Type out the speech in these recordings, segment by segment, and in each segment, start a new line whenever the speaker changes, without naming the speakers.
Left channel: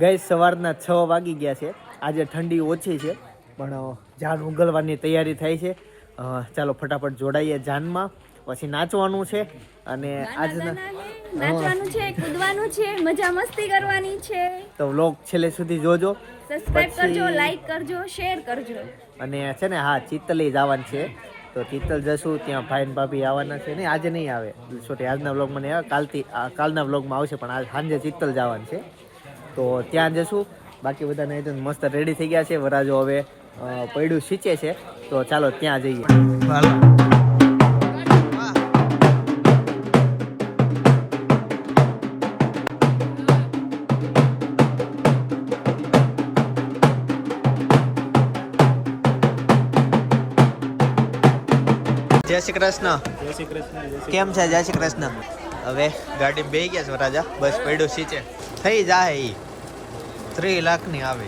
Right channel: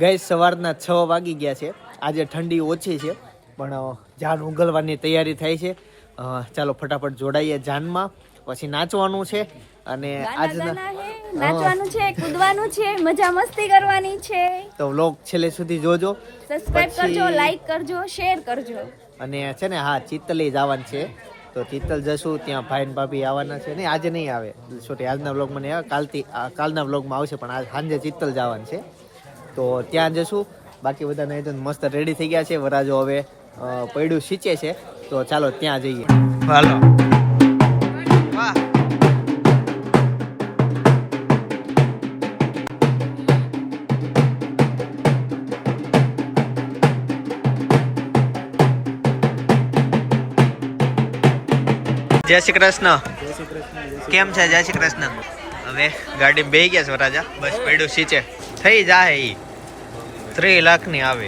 ગઈ સવારના છ વાગી ગયા છે. આજે ઠંડી ઓછી છે પણ જાન ઉગલવાની તૈયારી થાય છે. ચાલો ફટાફટ જોડાઈએ જાનમાં. પછી નાચવાનું છે અને આજના
નાચવાનું છે કૂદવાનું છે મજા મસ્તી કરવાની છે.
તો વ્લોગ છેલ્લે સુધી જોજો.
સબસ્ક્રાઇબ કરજો લાઈક કરજો શેર કરજો.
અને છે ને હા ચિત્તલી જવાનું છે. તો ચિત્તલ જશું ત્યાં ભાઈ ને ભાભી આવવાના છે. ને આજે નહીં આવે. છોટી આજના વ્લોગમાં નહીં આવે. કાલથી કાલના વ્લોગમાં આવશે પણ આજ સાંજે ચિત્તલ જવાનું છે. તો ત્યાં જશું. બાકી બધા નહીં તો મસ્ત રેડી થઈ ગયા છે. વરાજો હવે પૈડું સીચે છે. તો ચાલો ત્યાં જઈએ. હાલો. જય શ્રી કૃષ્ણ. કેમ છે? જય શ્રી કૃષ્ણ. હવે ગાડી બે ગયા છે વરાજા. બસ. પૈડું સીચે થઈ જાય. ઈ ત્રી લાખની આવે.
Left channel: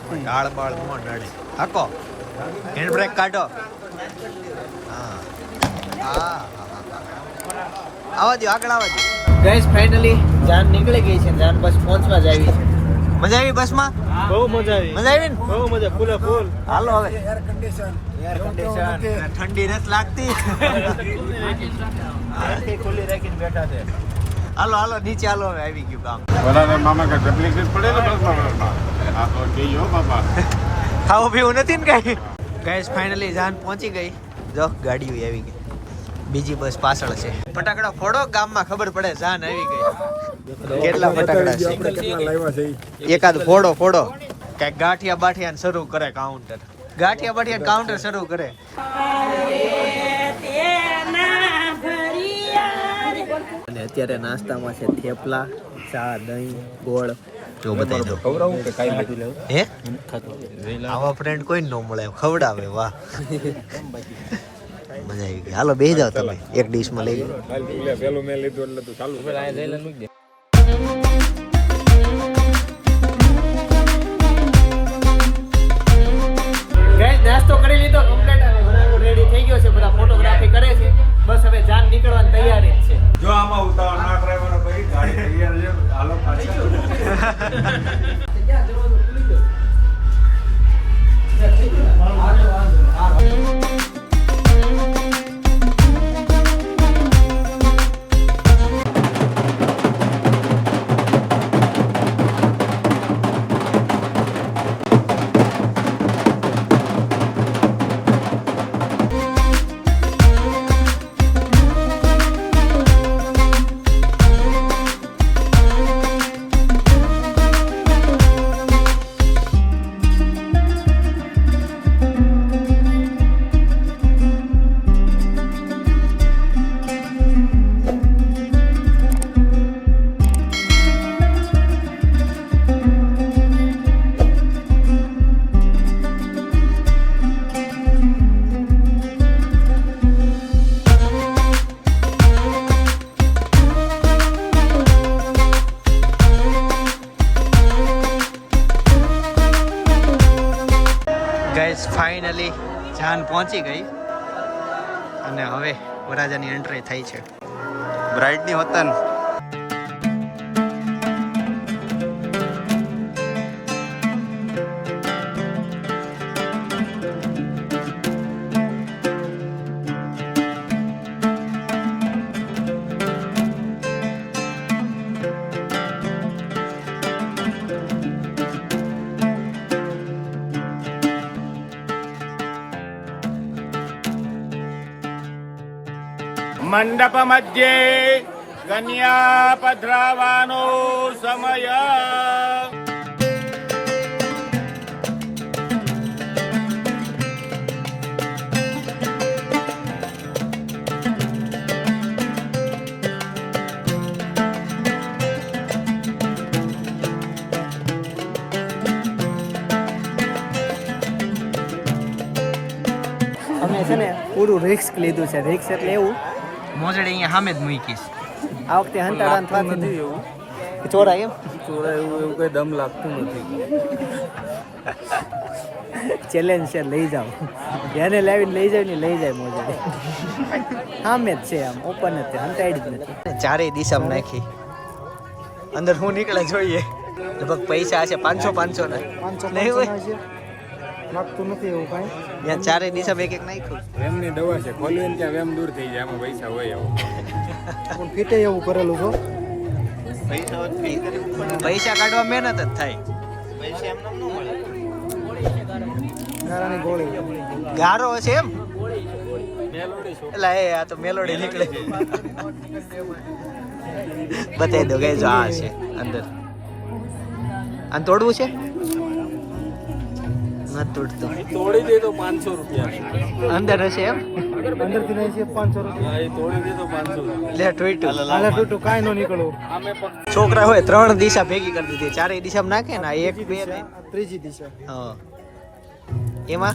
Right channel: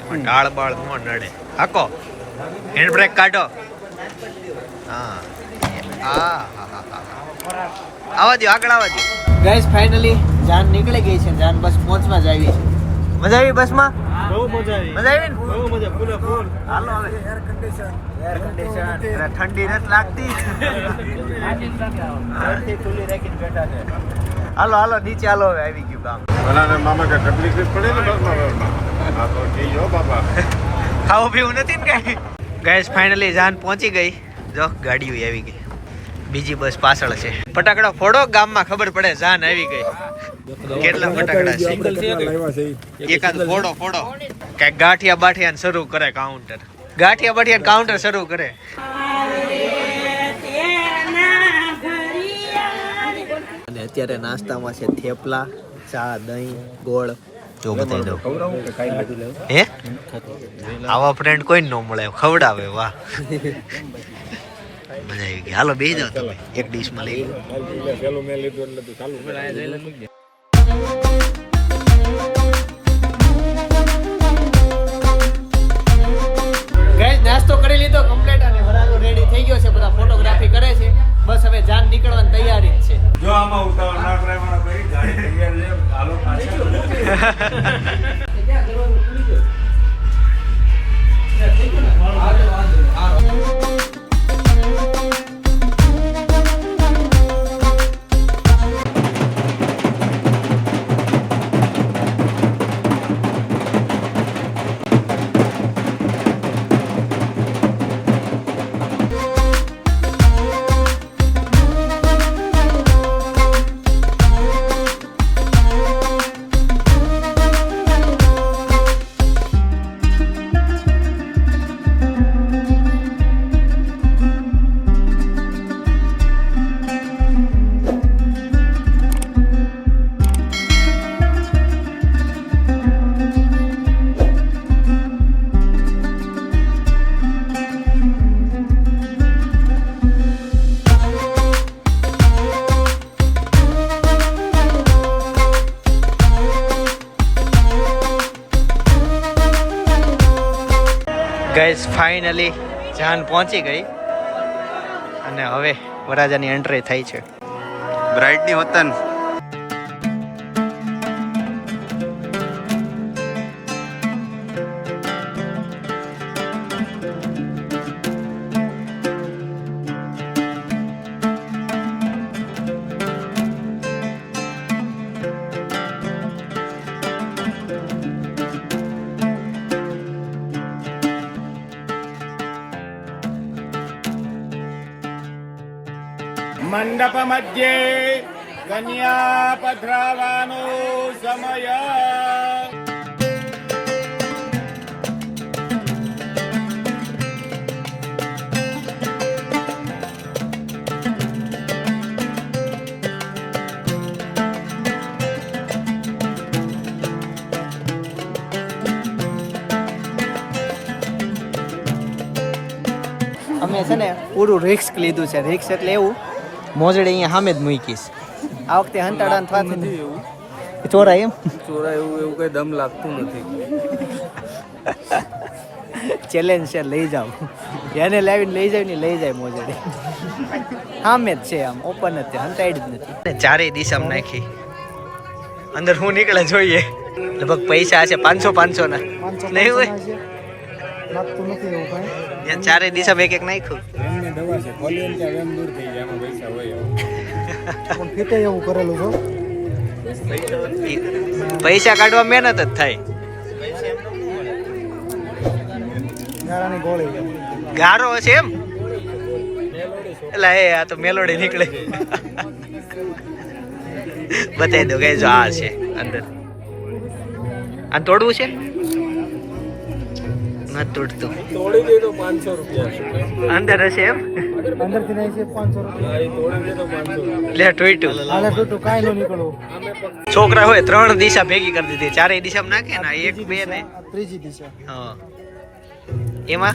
એમાં ડાળ બાળ નો નડે. હાકો. હેન્ડ બ્રેક કાઢો. હા. આવા દો આગળ આવા દો ગાઈસ ફાઇનલી જાન નીકળી ગઈ છે જાન બસ પહોંચવા જ આવી છે. મજા આવી બસમાં?
બહુ મજા આવી.
મજા આવી ને?
બહુ મજા ફૂલ ફૂલ
હાલો હવે. એર કન્ડિશન એર કન્ડિશન ઠંડી નથી લાગતી.
ખુલ્લી રાખીને બેઠા છે.
હાલો હાલો નીચે હાલો હવે આવી ગયું કામ.
ભલા મામા કે તકલીફ પડે ને બસ આ તો કહેજો બાબા
ખાવું પીવું નથી ને કઈ? ગાઈસ ફાઇનલી જાન પહોંચી ગઈ. જો ગાડીઓ આવી ગઈ. બીજી બસ પાછળ છે. ફટાકડા ફોડો ગામમાં ખબર પડે જાન આવી ગઈ. કેટલા ફટાકડા છે? એકાદ ફોડો ફોડો. કઈ ગાંઠિયા બાઠિયા શરૂ કરે કાઉન્ટર ગાંઠિયા બાઠિયા કાઉન્ટર શરૂ કરે. અત્યારે નાસ્તામાં છે થેપલા ચા દહીં ગોળ. જો બતાવી દઉં. હે? આવા ફ્રેન્ડ કોઈ ન મળે ખવડાવે વાહ. મજા આવી ગઈ. હાલો બે જાઓ તમે. એક ડીશમાં લઈ લો.
મેં લીધું એટલે તું ચાલુ
ફાઇનલી જાન પહોંચી ગઈ. અને હવે વરાજાની એન્ટ્રી થઈ છે.
બ્રાઇટની હોતન. મંડપ મધ્યે કન્યા પધરાવાનો સમય
અમે છે ને પૂરું રિસ્ક લીધું છે. રિસ્ક એટલે એવું મોજડી અહીંયા સામે જ મૂકીશ. આ વખતે હંતાડાન થવાથી એવું. ચોરાય એમ?
ચોરાય એવું એવું કઈ દમ લાગતું નથી.
ચેલેન્જ છે લઈ જાઓ. એને લાવીને લઈ જાય ને લઈ જાય મોજડી. સામે જ છે આમ ઓપન જ છે હંતાડી જ નથી. ચારેય દિશામાં નાખી. અંદર હું નીકળે જોઈએ. લગભગ પૈસા છે પાંચસો પાંચસો ના.
પાંચસો
નહીં હોય?
લાગતું નથી એવું કાંઈ.
ત્યાં ચારે દિશા એક એક નાખ્યું.
વેમની દવા છે ખોલીએ ને ત્યાં વેમ દૂર થઈ જાય એમાં પૈસા હોય એવું.
પણ ફીતે એવું કરેલું છો?
પૈસા કાઢવા મહેનત જ થાય.
ગારાની ગોળી.
ગારો હશે એમ? એટલે એ આ તો મેલોડી નીકળે. બતાવી દો ગઈ જો આ છે અંદર. આ તોડવું છે? નથી તોડતો
તોડી દે તો પાંચસો રૂપિયા.
અંદર હશે એમ?
નહીં છે પાંચસો રૂપિયા.
ટોઈટું.
હાલે કાંઈ ન નીકળવું
છોકરા હોય ત્રણ દિશા ભેગી કરી દીધી. ચારેય દિશામાં નાખે ને એક બે ને.
ત્રીજી દિશા
હા. એમાં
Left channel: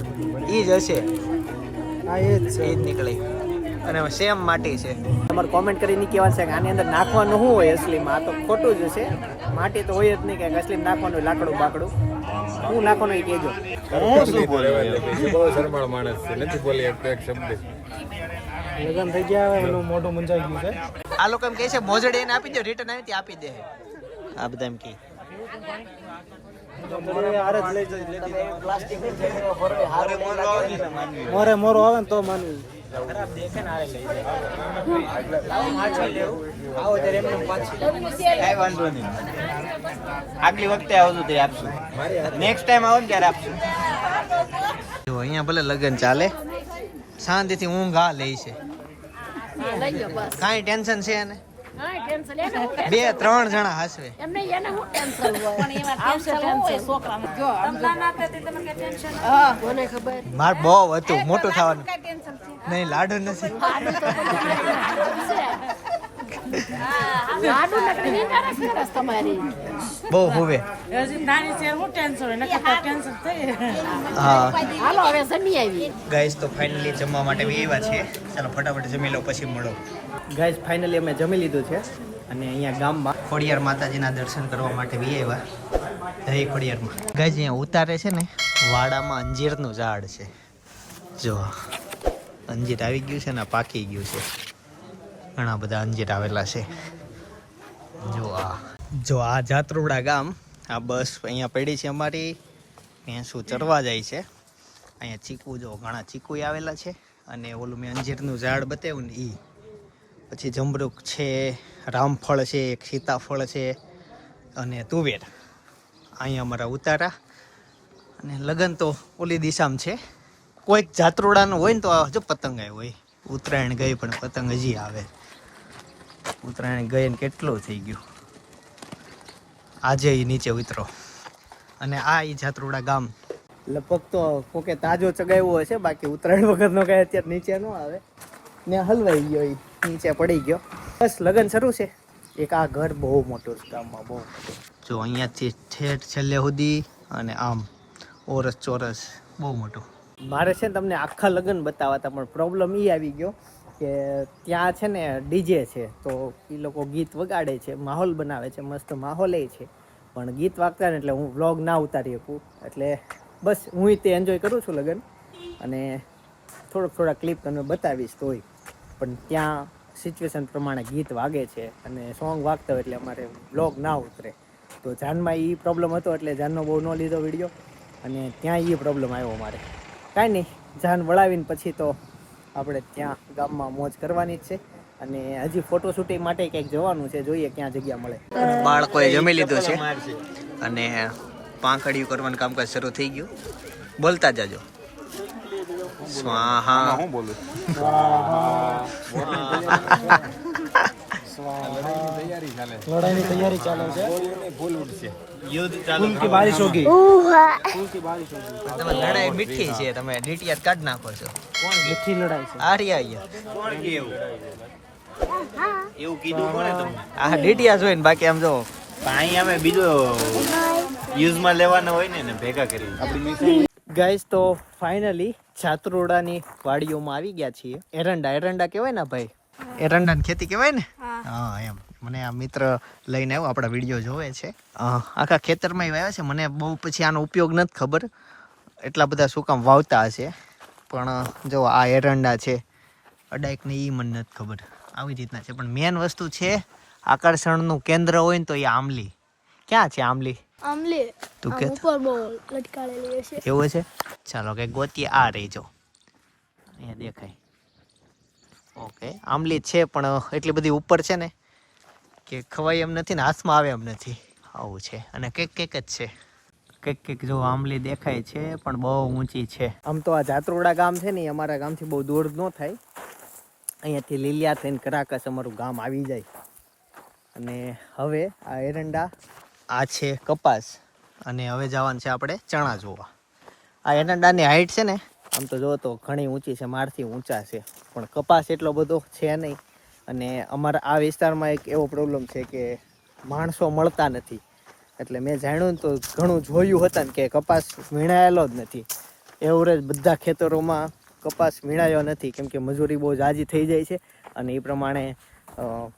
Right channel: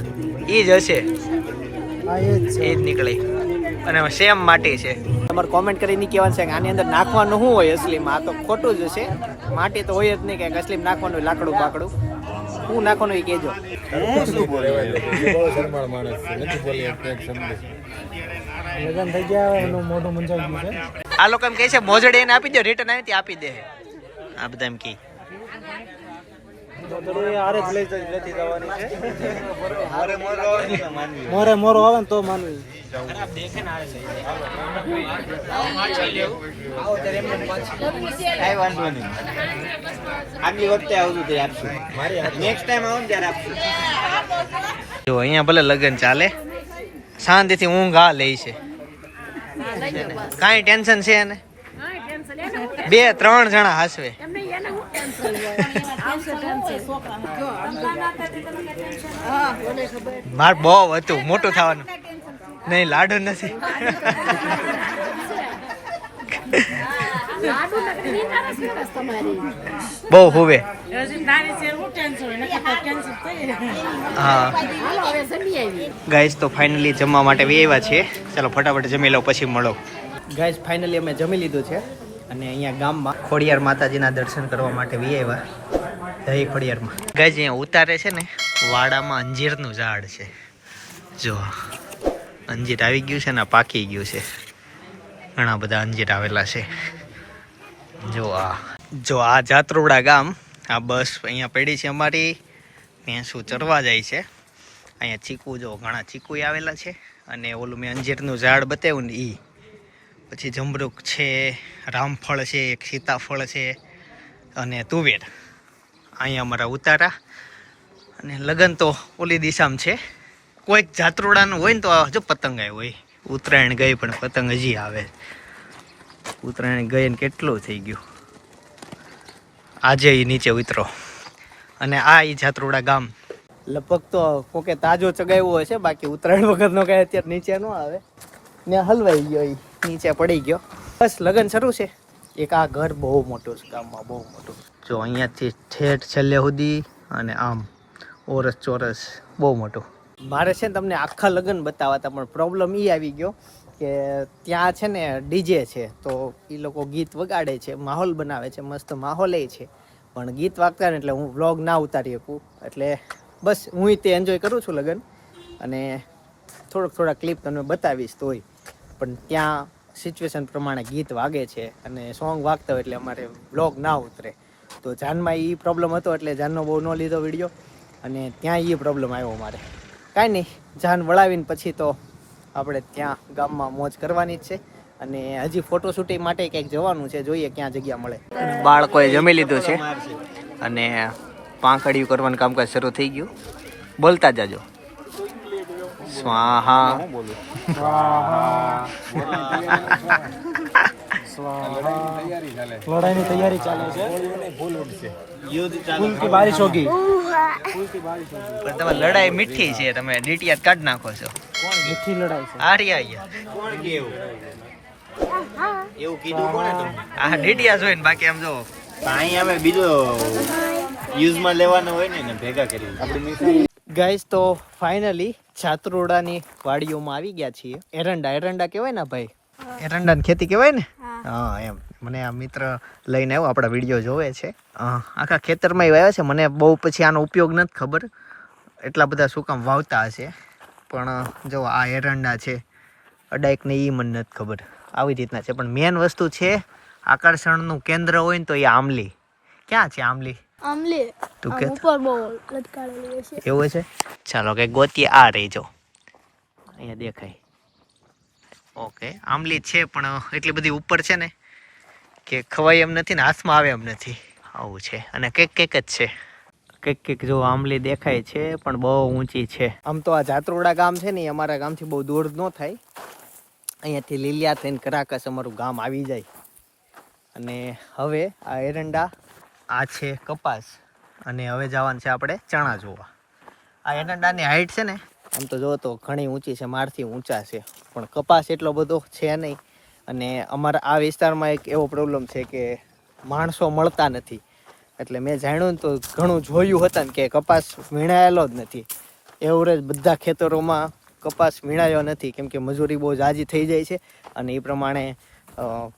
ઈ જ હશે.
એ જ છે.
એ જ નીકળે. અને સેમ માટી છે. તમારે કોમેન્ટ કરીને કહેવાનું છે કે આની અંદર નાખવાનું શું હોય અસલીમાં આ તો ખોટું જ હશે. માટી તો હોય જ નહીં કે અસલીમાં નાખવાનું લાકડું બાકડું. શું નાખવાનું એ કહેજો.
બહુ શરમાળ માણસ છે. નથી બોલી એક એક શબ્દ.
લગ્ન થઈ ગયા એનું મોઢું મુંજાઈ ગયું છે.
આ લોકો એમ કહે છે મોજડી એને આપી દો રિટર્ન આવી ત્યાં આપી દે. આ બધા એમ કહે.
મોરે મોરો આવે ને તો માનવી.
આગલી વખતે આવતું તે આપશું. નેક્સ્ટ ટાઈમ આવો ને ત્યારે આપશું.
જો અહીંયા ભલે લગ્ન ચાલે. શાંતિથી ઊંઘ આ લે છે. કાંઈ ટેન્શન છે એને? બે ત્રણ જણા હસવે. માર બહુ હતું મોટું થવાનું. નહીં લાડુ નથી. બહુ હુવે. હા ગાઈસ તો ફાઇનલી જમવા માટે બી આવ્યા છે. ચાલો ફટાફટ જમી લો પછી મળો. ગાઈસ ફાઇનલી અમે જમી લીધું છે. અને અહીંયા ગામમાં ખોડિયાર માતાજીના દર્શન કરવા માટે વી આવ્યા જય ખોડિયારમાં. ગાય અહીંયા ઉતારે છે ને, વાડામાં અંજીરનું ઝાડ છે. જો, અંજીર આવી ગયું છે ને પાકી ગયું છે. ઘણા બધા અંજીર આવેલા છે. જો આ જો આ જાત્રોડા ગામ, આ બસ અહીંયા પડી છે અમારી. ભેંસું ચરવા જાય છે. અહીંયા ચીકુ, જો ઘણા ચીકુ આવેલા છે. અને ઓલું મેં અંજીરનું ઝાડ બતાવ્યું ને એ પછી જમરૂક છે, રામફળ છે, એક સીતાફળ છે અને તુવેર. અહીંયા અમારા ઉતારા. અને લગન તો ઓલી દિશામાં છે. કોઈક જાત્રોડાનું હોય ને તો આ જો પતંગ આવ્યો હોય. ઉત્તરાયણ ગઈ પણ પતંગ હજી આવે. ઉત્તરાયણ ગઈ ને કેટલું થઈ ગયું. આજે એ નીચે ઉતરો. અને આ એ જાત્રોડા ગામ. લગભગ તો કોકે તાજો ચગાવ્યો હશે, બાકી ઉત્તરાયણ વખતનો કઈ અત્યારે નીચે ન આવે. ને હલવાઈ ગયો ઈ. નીચે પડી ગયો. બસ લગન શરૂ છે. એક આ ઘર બહુ મોટું છે, ગામમાં બહુ મોટું. જો અહીંયાથી ઠેઠ છેલ્લે સુધી અને આમ ઓરસ ચોરસ બહુ મોટું. મારે છે ને તમને આખા લગ્ન બતાવતા પણ પ્રોબ્લેમ એ આવી ગયો કે ત્યાં છે ને ડીજે છે, તો એ લોકો ગીત વગાડે છે, માહોલ બનાવે છે, મસ્ત માહોલ એ છે. પણ ગીત વાગતા ને એટલે હું વ્લોગ ના ઉતારી શકું. એટલે બસ હું તે એન્જોય કરું છું લગ્ન. અને થોડોક થોડા ક્લિપ તમને બતાવીશ તોય. પણ ત્યાં સિચ્યુએશન પ્રમાણે ગીત વાગે છે અને સોંગ વાગતા હોય એટલે અમારે વ્લોગ ના ઉતરે. તો જાનમાં એ પ્રોબ્લેમ હતો એટલે જાનનો બહુ ન લીધો વીડિયો અને ત્યાં એ પ્રોબ્લેમ આવ્યો અમારે. કાંઈ નહીં, જાન વળાવીને પછી તો આપણે ત્યાં ગામમાં મોજ કરવાની જ છે અને હજી ફોટો શૂટિંગ માટે ક્યાંક જવાનું છે, જોઈએ ક્યાં જગ્યા મળે. બાળકોએ જમી લીધું છે અને પાંખડિયું કરવાનું કામકાજ શરૂ થઈ ગયું. બોલતા જાજો. સ્વાહા.
લડાઈની તૈયારી ચાલે છે.
ફૂલ ઉડશે
યુદ્ધ
ફૂલ કી બારિશ હોગી
પણ તમે લડાઈ મીઠી છે તમે ડીટીઆર કાઢ નાખો છો.
મીઠી લડાઈ છે.
આરી આયા
કોણ કે એવું? એવું કીધું કોણે તમને?
આ ડીટીઆર જોઈ ને બાકી આમ જો.
અહીં અમે બીજો યુઝમાં લેવાના હોય ને ભેગા કરી આપણી
ગાઈસ તો ફાઇનલી છાત્રોડાની વાડીઓમાં આવી ગયા છીએ. એરંડા એરંડા કહેવાય ને ભાઈ? એરંડાની ખેતી કહેવાય ને? હા. એમ. મને આ મિત્ર લઈને આવ્યો આપણા વીડિયો જોવે છે. આખા ખેતરમાં એ આવ્યા છે. મને બહુ પછી આનો ઉપયોગ નથી ખબર. એટલા બધા શું કામ વાવતા હશે. પણ જો આ એરંડા છે અડાઈક ને એ મને નથી ખબર. આવી રીતના છે. પણ મેન વસ્તુ છે આકર્ષણનું કેન્દ્ર હોય ને તો એ આમલી ક્યાં છે આમલી
આમલી.
તું કે
ઉપર બહુ લટકાળેલી છે.
એવું છે? ચાલો કે ગોતી આ રહી જો. અહીંયા દેખાય. ઓકે આમલી છે પણ એટલી બધી ઉપર છે ને કે ખવાય એમ નથી ને હાથમાં આવે એમ નથી. આવું છે. અને કેક કેક જ છે. કેક કેક જો આમલી દેખાય છે પણ બહુ ઊંચી છે. આમ તો આ જાત્રોડા ગામ છે ને અમારા ગામથી બહુ દૂર ન થાય. અહીંયાથી લીલિયા થઈને કરાકસ અમારું ગામ આવી જાય. અને હવે આ એરંડા આ છે કપાસ અને હવે જવાનું છે આપણે ચણા જોવા. આ એરંડાની હાઈટ છે ને, આમ તો જોવો તો ઘણી ઊંચી છે, મારથી ઊંચા છે. પણ કપાસ એટલો બધો છે નહીં. અને અમારા આ વિસ્તારમાં એક એવો પ્રોબ્લેમ છે કે માણસો મળતા નથી. એટલે મેં જાણ્યું તો ઘણું જોયું હતા ને કે કપાસ વીણાયેલો જ નથી. એવરેજ બધા ખેતરોમાં કપાસ વીણાયો નથી. કેમ કે મજૂરી બહુ જાજી થઈ જાય છે અને એ પ્રમાણે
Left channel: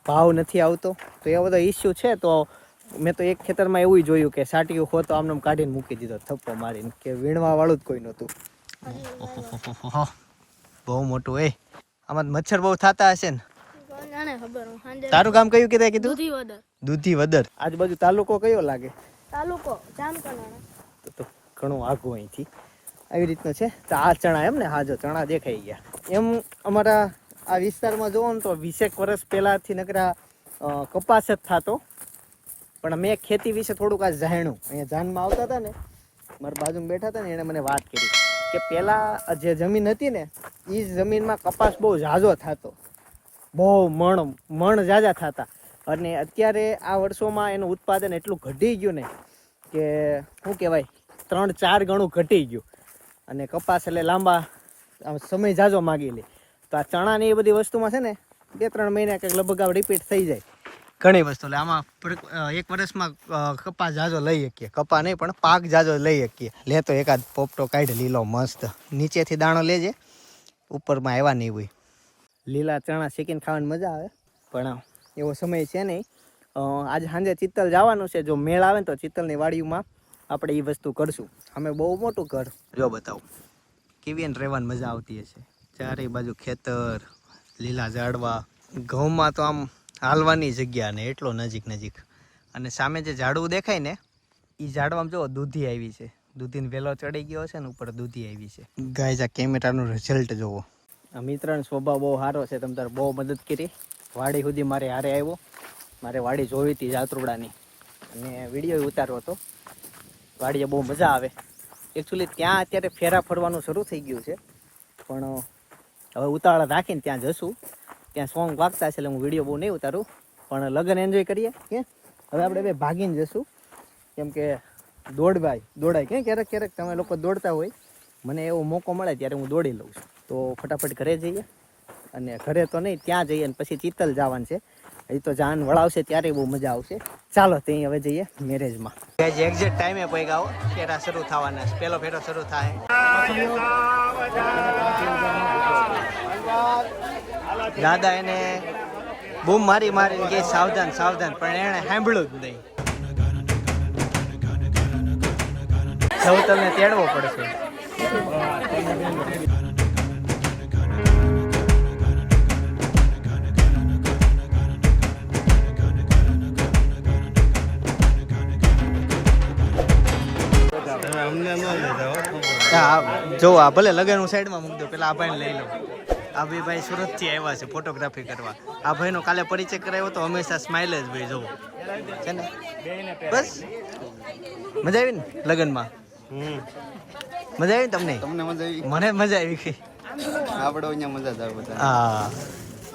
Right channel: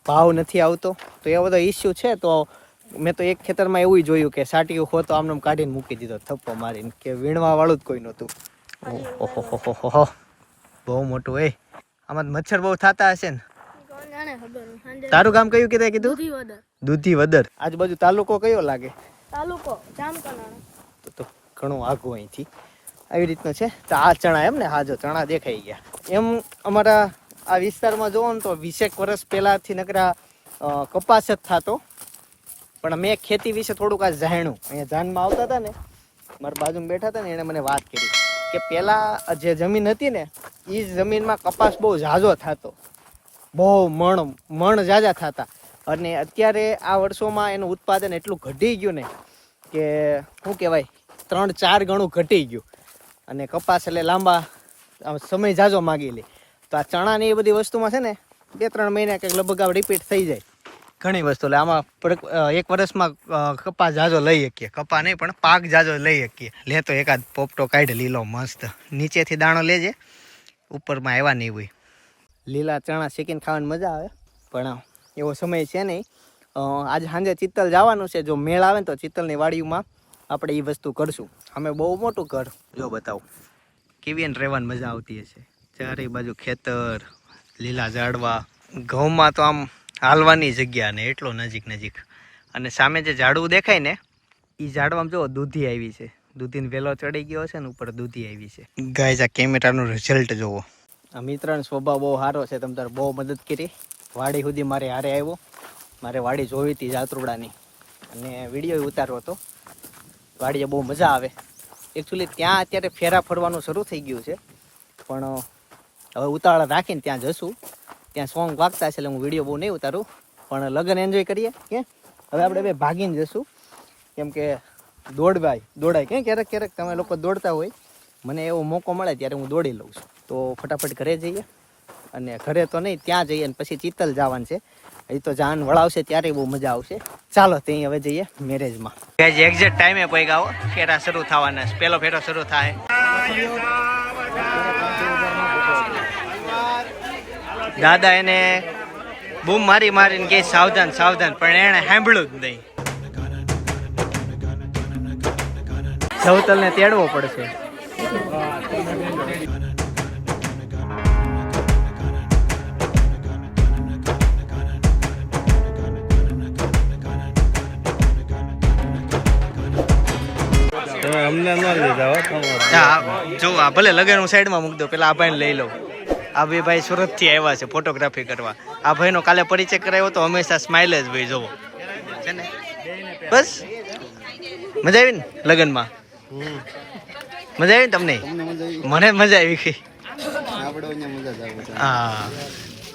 ભાવ નથી આવતો. તો એવો બધો ઇસ્યુ છે, તો મેં તો એક ખેતરમાં એવું જોયું કે સાટીયું હો તો આમને આમ કાઢીને મૂકી દીધો થપ્પો મારીને કે વીણવા વાળું જ કોઈ નહોતું. ઓહો બહુ મોટું એ. આમાં મચ્છર બહુ થતા હશે ને.
નાને ખબર હું સાંજે
તારું કામ કયું કીધું કીધું?
દૂધી વદર.
આજુબાજુ તાલુકો કયો લાગે?
તાલુકો જામકંડાણા
તો તો ઘણું આઘું અહીંથી. આવી રીતનું છે. તો આ ચણા એમ ને હા જો ચણા દેખાઈ ગયા. એમ અમારા આ વિસ્તારમાં જોવો ને તો વીસેક વર્ષ પહેલાંથી નકરા કપાસ જ થતો. પણ મેં ખેતી વિશે થોડુંક આ જાણ્યું. અહીંયા જાનમાં આવતા હતા ને, મારા બાજુમાં બેઠા હતા ને એણે મને વાત કરી કે પહેલાં જે જમીન હતી ને એ જ જમીનમાં કપાસ બહુ ઝાઝો થતો. બહુ મણ મણ ઝાઝા થતા. અને અત્યારે આ વર્ષોમાં એનું ઉત્પાદન એટલું ઘટી ગયું ને કે, શું કહેવાય, ત્રણ, ચાર ગણું ઘટી ગયું. અને કપાસ એટલે લાંબા સમય ઝાઝો માગી લે. તો આ ચણાની એ બધી વસ્તુમાં છે ને, બે, ત્રણ મહિના કંઈક લગભગ રિપીટ થઈ જાય. ઘણી વસ્તુ. એટલે આમાં એક વર્ષમાં કપા જાજો લઈ શકીએ. કપા નહીં, પણ પાક જાજો લઈ શકીએ. લે તો એકાદ પોપટો કાઢ, લીલો, મસ્ત. નીચેથી દાણો લેજે. ઉપરમાં આવ્યા નહીં હોય. લીલા ચણા શેકીને ખાવાની મજા આવે. પણ એવો સમય છે નહીં. આજે સાંજે ચિત્તલ જવાનું છે. જો મેળ આવે ને તો ચિત્તલની વાડીમાં આપણે એ વસ્તુ કરશું. અમે બહુ મોટું ઘર. જો બતાવું. કેવી એને રહેવાની મજા આવતી હશે. ચારે બાજુ ખેતર, લીલા ઝાડવા. ઘઉંમાં તો આમ હાલવાની જગ્યા ને એટલો નજીક નજીક. અને સામે જે ઝાડવું દેખાય ને એ ઝાડવામાં જો દૂધી આવી છે. દૂધીને વેલો ચડી ગયો છે ને ઉપર દૂધી આવી છે. ગાય આ કેમેરાનું રિઝલ્ટ જોવો આ મિત્રનો સ્વભાવ બહુ સારો છે. તમ તારે બહુ મદદ કરી. વાડી સુધી મારે હારે આવ્યો. મારે વાડી જોઈ હતી જાત્રુડાની. અને વીડિયો ઉતાર્યો હતો. વાડીએ બહુ મજા આવે. એકચ્યુઅલી ત્યાં અત્યારે ફેરા ફરવાનું શરૂ થઈ ગયું છે. પણ હવે ઉતાવળ રાખીને ત્યાં જશું. ત્યાં સોંગ વાગતા છે એટલે હું વીડિયો બહુ નહીં ઉતારું, પણ લગ્ન એન્જોય કરીએ, કે? હવે આપણે બે ભાગીને જશું. કેમ કે દોડવાય, દોડાય. કે ક્યારેક ક્યારેક તમે લોકો દોડતા હોય, મને એવો મોકો મળે ત્યારે હું દોડી લઉં છું. તો ફટાફટ ઘરે જઈએ. અને ઘરે તો નહીં, ત્યાં જઈએ અને પછી ચિત્તલ જવાનું છે. એ તો જાન વળાવશે ત્યારે બહુ મજા આવશે. ચાલો ત્યાં હવે જઈએ મેરેજમાં. એક્ઝેક્ટ ટાઈમે આવો ફેરા શરૂ થવાના પેલો ફેરો શરૂ થાય. દાદા એને બૂમ મારી મારીને કે સાવધાન સાવધાન. પણ એણે સાંભળ્યું જ નહીં. સૌતલને તેડવો પડશે. જો આ ભલે લગન હું સાઈડમાં મૂકી દો પેલા આ ભાઈને લઈ લઉં આ બે ભાઈ સુરતથી આવ્યા છે ફોટોગ્રાફી કરવા. આ ભાઈનો કાલે પરિચય કરાવ્યો તો હંમેશા સ્માઇલ જ ભાઈ જોવો. છે ને? બસ. મજા આવી ને લગનમાં? મજા આવી ને તમને?
તમને મજા આવી?
મને મજા આવી ગઈ.
આપણે અહીંયા મજા જ આવે
હા.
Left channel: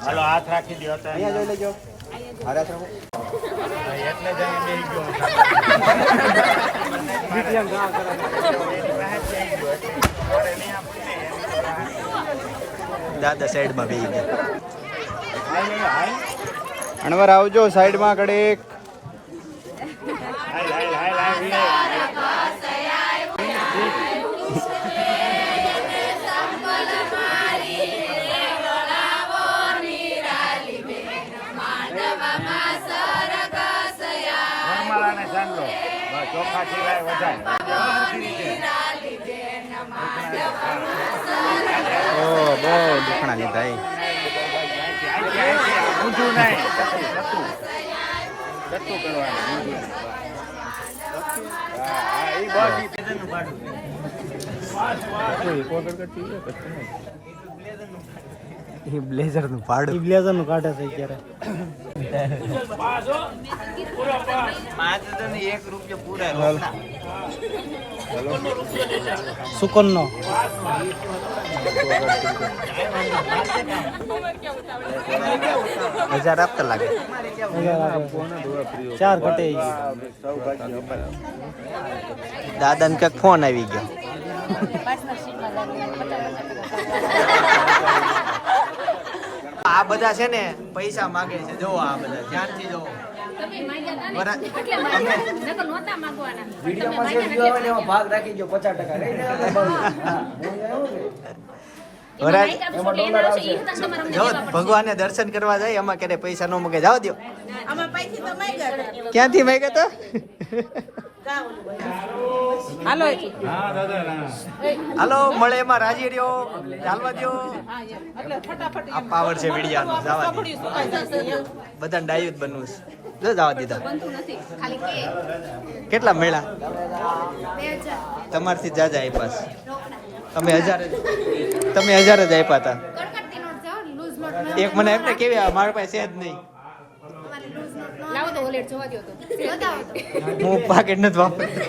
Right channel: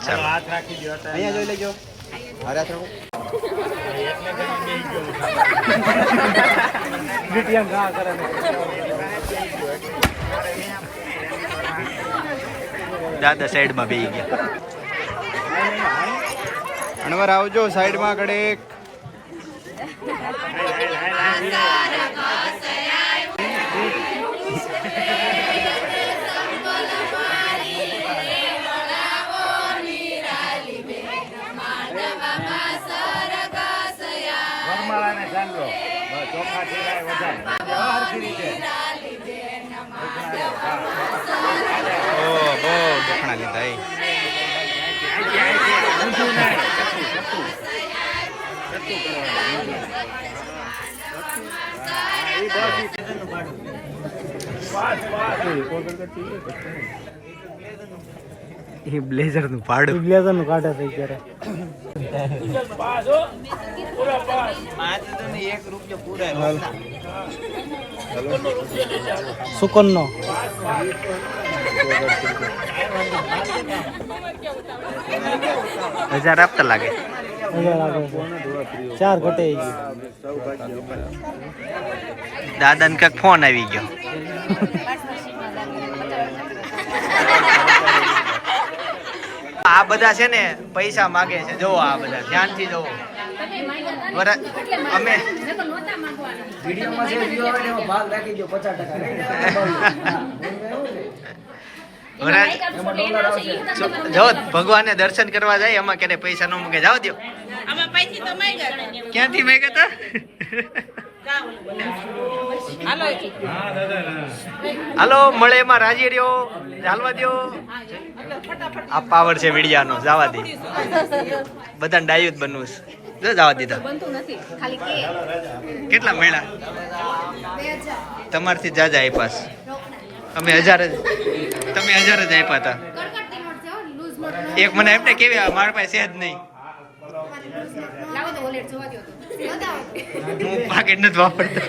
ચાલો.
હાથ રાખી દો
અહીંયા જોઈ લેજો. હારે હાથ રાખો.
એટલે જ અહીં બેસી ગયો
દાદા સાઈડમાં બેસી ગયા.
અણવર આવજો સાઈડમાં કડેક
ચોખા સિવાય વધારે. રીતે.
એ
બ્લેઝરનું ભાડું
બ્લેઝરનું કાઢે છે અત્યારે.
એક રૂપિયા પૂરા
નો
હજાર આપતા લાગે.
ચાર ઘટે
દાદા ને કંઈક ફોન આવી ગયો. આ બધા છે ને પૈસા માગે છે. જોવો આ બધા. ધ્યાનથી જોવો અમે વરા- જો ભગવાનને દર્શન કરવા જાય એમાં ક્યારે પૈસા ન મૂકે. જાવ દો ક્યાંથી માગ્યા તા હાલો મળે એમાં રાજી રહ્યો ચાલવા દ્યો. આ પાવર છે વીડિયાનો જવા દે બધાને ડાયું જ બનવું છે. જો જવા દીધા. કેટલા મેળા તમારથી જાજા આપ્યા છે. અમે હજાર જ તમે હજાર જ આપ્યા હતા. એક મને એમને કેવી મારા પાસે છે જ નહીં. હું પાકેટ નથી વાપરતો.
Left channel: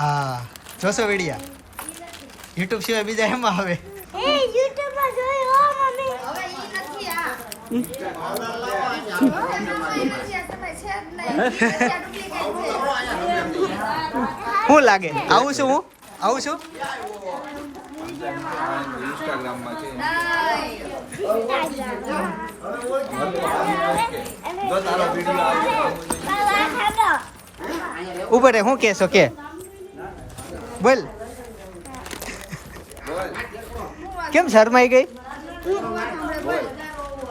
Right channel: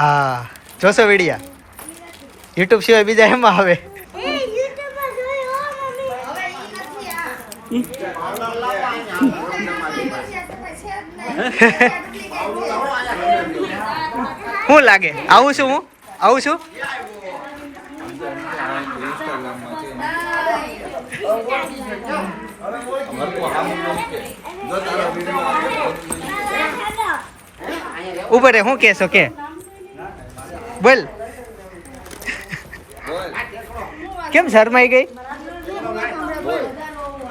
હા જોશો વિડિયા. યુટ્યુબ સિવાય બીજા એમાં આવે
એ યુટ્યુબમાં જોઈ હો મમ્મી
શું લાગે? આવું છું હું? આવું છું? ઊભો રે શું કહેશો, કે. બોલ. કેમ શરમાઈ ગઈ
યુટ્યુબમાં આવે ઇન્સ્ટાગ્રામમાં આવે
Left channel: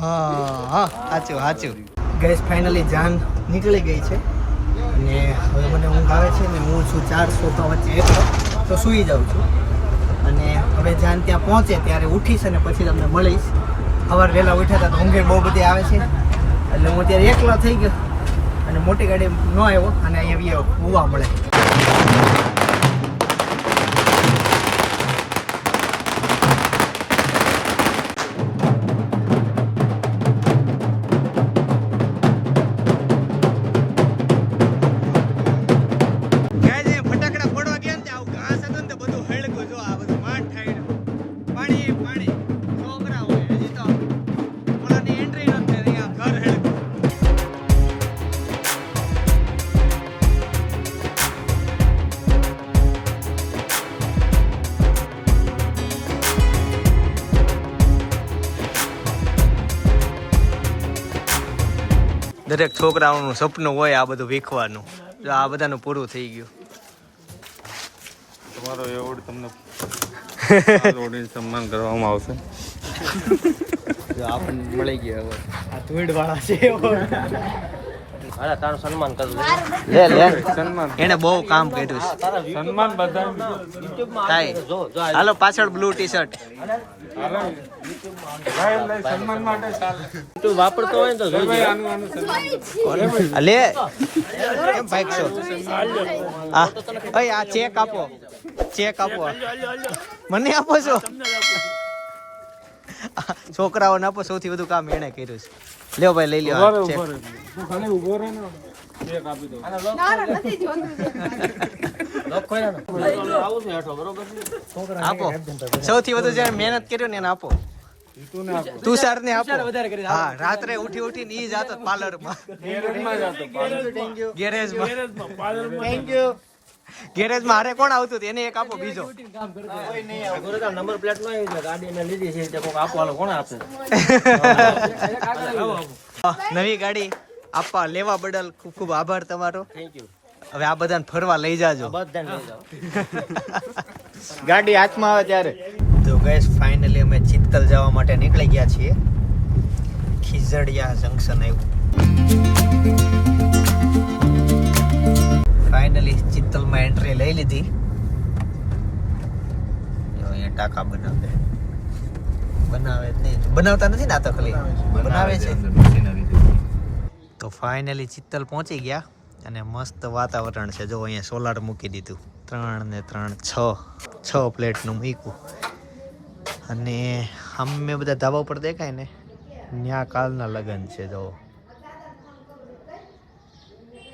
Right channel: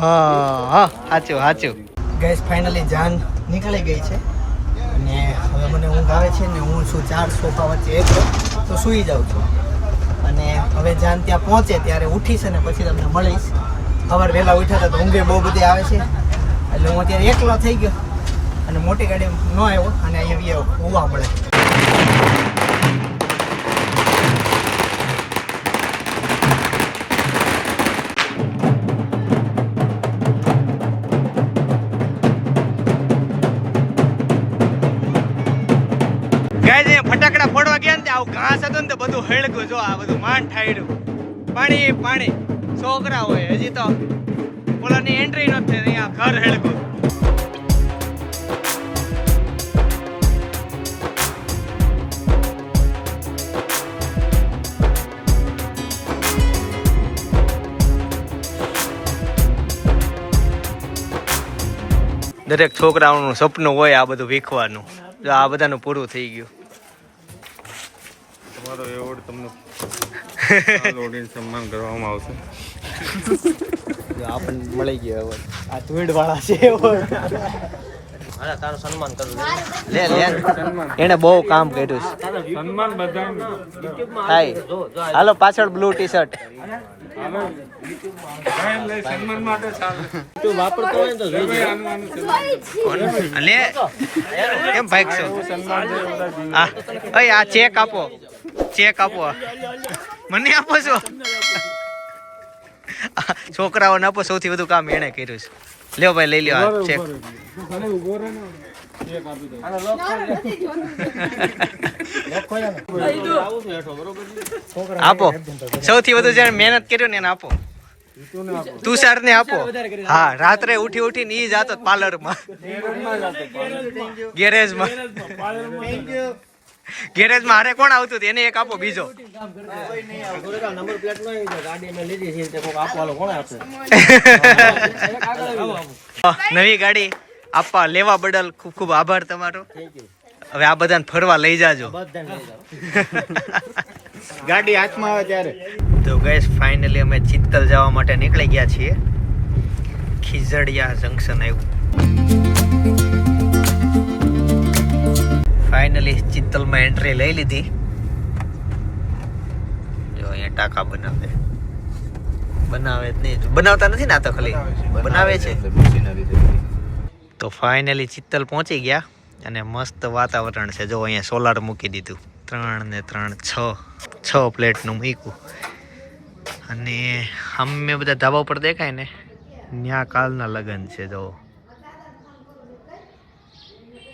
હા સાચું સાચું ગેસ ફાઇનલી જાન નીકળી ગઈ છે. અને હવે મને ઊંઘ આવે છે ને હું છું ચાર સોફા વચ્ચે એક તો સૂઈ જાઉં છું. અને હવે જાન ત્યાં પહોંચે, ત્યારે ઉઠીશ અને પછી તમને મળીશ. સવાર વહેલા ઉઠ્યા તો ઊંઘે બહુ બધી આવે છે. એટલે હું અત્યારે એકલો થઈ ગયો. અને મોટી ગાડી ન આવ્યો, અને અહીંયા હોવા મળે. બધું હેળકું જો આ બધું માંડ ઠાયડું. પાણી પાણી. છોકરા હોય, હજી તો ઓલાની એન્ટ્રી નથી થઈ અહીંયા ઘર હેળકું દરેક છોકરાઓનું સપનું હોય આ બધું વીખવાનું. આ બધાનું પૂરું થઈ ગયું.
તમારો એવોર્ડ તમને ઓડિયન્સ સન્માન કરવામાં આવશે.
આપણને મળી ગયા એવોર્ડ.
આ ધૂળ વાળા છે
લે લે. એને બહુ કામ કર્યું છે.
સન્માન
થાય. હાલો પાછળ બ્લુ ટી શર્ટ.
તું વાપરતો હોય તો.
લે. કેમ ભાગશો? આ ચેક આપો. ચેક આપો. મને આપો છો. છોકરાઓને આપો સૌથી વધુ કામ એણે કર્યું છે. લ્યો ભાઈ લઈ લ્યો ચેક.
તું ખાલી ઊભો રહે ને ચેક આપી દો
આપો. સૌથી વધુ જેણે મહેનત કર્યું ને એને આપો. તુષાર ને આપો હા રાત્રે ઉઠી ઉઠીને ઈ જાતો પાર્લર. માં.
ગેરેજમાં
ગેરેજમાં હારે કોણ આવતું હતું? એને એક આપો બીજો.
નંબર પ્લેટ નો ગાડી મેં લીધી છે કોક આપવાનો કોણ આપશે
નવી ગાડી આપવા લેવા બદલ ખૂબ ખૂબ આભાર તમારો.
થેન્ક યુ
હવે આ બધાને ફરવા લઈ જાજો. ગાડી હાથમાં આવે ત્યારે. તો ગઈસ ફાઇનલી અમે ચિત્તલ જવા માટે નીકળી ગયા છીએ. ખીજડિયા જંકશન આવ્યું. ફાઇનલી ચિત્તલમાં એન્ટ્રી લઈ લીધી. જો અહીંયા ટાંકા બનાવે. બનાવે જ નહીં. બનાવતા નથી ને આ તો ખાલી? બનાવે છે તો ફાઇનલી ચિત્તલ પહોંચી ગયા અને મસ્ત વાતાવરણ છે. જો અહીંયા સોલાર મૂકી દીધું. ત્રણ ને ત્રણ છ. છ પ્લેટનું મૂક્યું. અને અમે બધા ધાબા ઉપર દેખાય ને ત્યાં કાલના લગ્ન છે જો.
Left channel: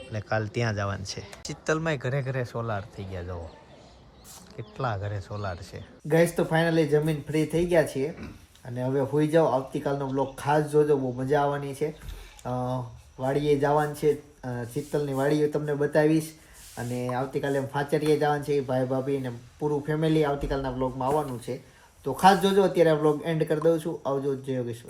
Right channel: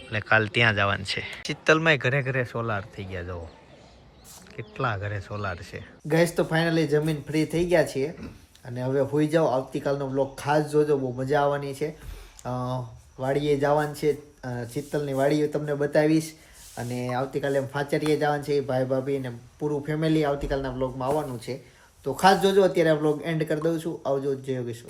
એટલે કાલ ત્યાં જવાનું છે. શીતલમાં ઘરે ઘરે સોલાર થઈ ગયા જો કેટલા ઘરે સોલાર છે. ગેસ તો ફાઇનલી જમીન ફ્રી થઈ ગયા છીએ. અને હવે હોઈ જાઓ, આવતીકાલનો બ્લોગ ખાસ જોજો, બહુ મજા આવવાની છે. વાડીએ જવાનું છે. શીતલની વાડીએ તમને બતાવીશ. અને આવતીકાલે ફાચરીએ જવાનું છે, ભાઈ, ભાભી ને પૂરું ફેમિલી આવતીકાલના બ્લોગમાં આવવાનું છે. તો ખાસ જોજો, અત્યારે બ્લોગ એન્ડ કરી દઉં છું. આવજો, જય યોગેશ્વર.